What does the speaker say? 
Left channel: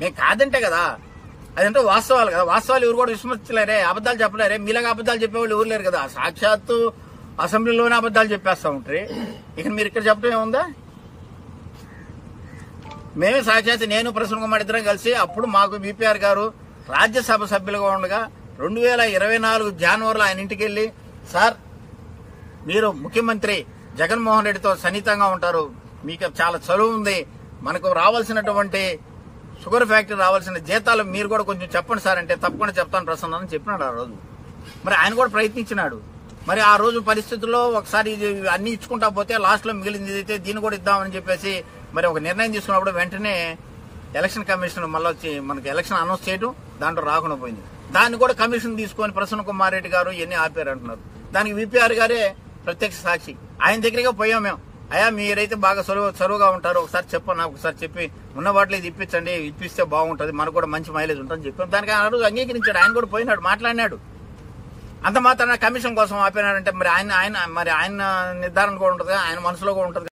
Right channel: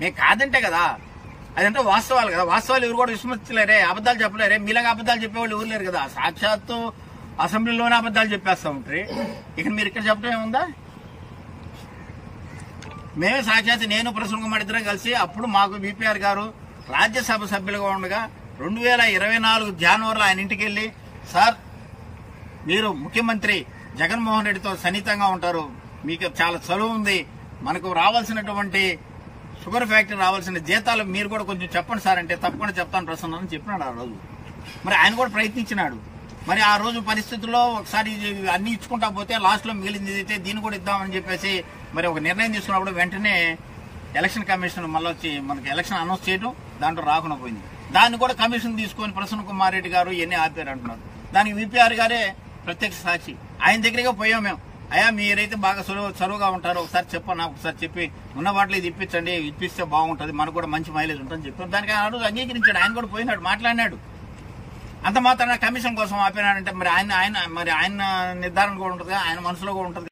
నేను కాదంటే కదా, అదంటే వాస్తవాలు కదా. వాస్తవాలు ఎవరు కూడా విస్మరించలేరే, అబద్దాలు చెప్పలేరే. మీలాగా అబద్దాలు చెప్పేవాళ్ళు ఎవరు లేరు కదా. సాక్షాత్తు అసెంబ్లీలోనే అబద్దాలు చెప్పేస్తా ఉంటారు. ఇక మీరు ఇక్కడ చెప్పడం ఏముందా? మేము సాక్షాత్ నేను ప్రసన్న కుమార్ ఇద్దరం కలిసి అప్పుడు మాకు బీపీఆర్ గారు రాజ్యసభ సభ్యులుగా ఉండగా 2024 జనవరిలో ఆయన ఇంటికి వెళ్లి, సార్ మీరు ముఖ్యమంత్రి జగన్మోహన్ రెడ్డితో సన్నిహితంగా ఉంటారు, మీకు చాలా చదువు ఉంది, మనకు రావాల్సినటువంటి షుగర్ ఫ్యాక్టరీ రావాల్సిన జీతాలు మీరు కూడా కొంచెం చెప్పండి సార్ అంటే, తప్పకుండా చెప్తాను ప్రసన్న అని చెప్పినాడు ఆ రోజు. మరి ఆయన కూడా ప్రయత్నించినాడు. మరి ఆ రోజు పరిస్థితుల్లో ఒకసారి అన్ని ఇచ్చుకుంటా పోతే లాస్ట్ లో మిగిలింది అయితే దీన్ని కూడా ఇద్దామని చెప్పేసి మరి ఒక నిర్ణయం తీసుకున్నప్పుడు వెంటనే ఎలక్షన్ కమిషన్ మళ్ళీ వచ్చి మనకి ఎలక్షన్ అనౌన్స్ చేయడం, దాంట్లో రాకుండా పోయింది. దాన్ని కూడా కమిషన్ తీసుకొని ప్రసన్న కుమార్ రెడ్డి గారు ఇవన్నీ ఆపారు అంటున్నారు. దానికి విపిఆర్ గారే ప్రత్యక్ష సాక్షి. ఆయన దగ్గరగా పోయాం మేము. అయ్యా మీరైతే బాగా చదువుగా ఉంటారు, ఒకసారి చెప్పండి, నాకు ఒకసారి చెప్పి ఉన్న వాటిలో ఇది ఇప్పించండి, ఇప్పిస్తే బాగుంటుంది, మనకు కూడా మంచి మైలేజ్ ఉంటుందని చెప్పాం. దానికి ఆయన రోజు అంగీకరించాడు. ఆయన కూడా పోయినాడు, మాట్లాడినాడు. అంత మాత్రాన కమిషన్ కోసం ఆపినాడంటే మరి ఆయన నిర్ధారణ కూడా ఉంటుంది, ఆయన మనసులో కూడా ఉంటుంది.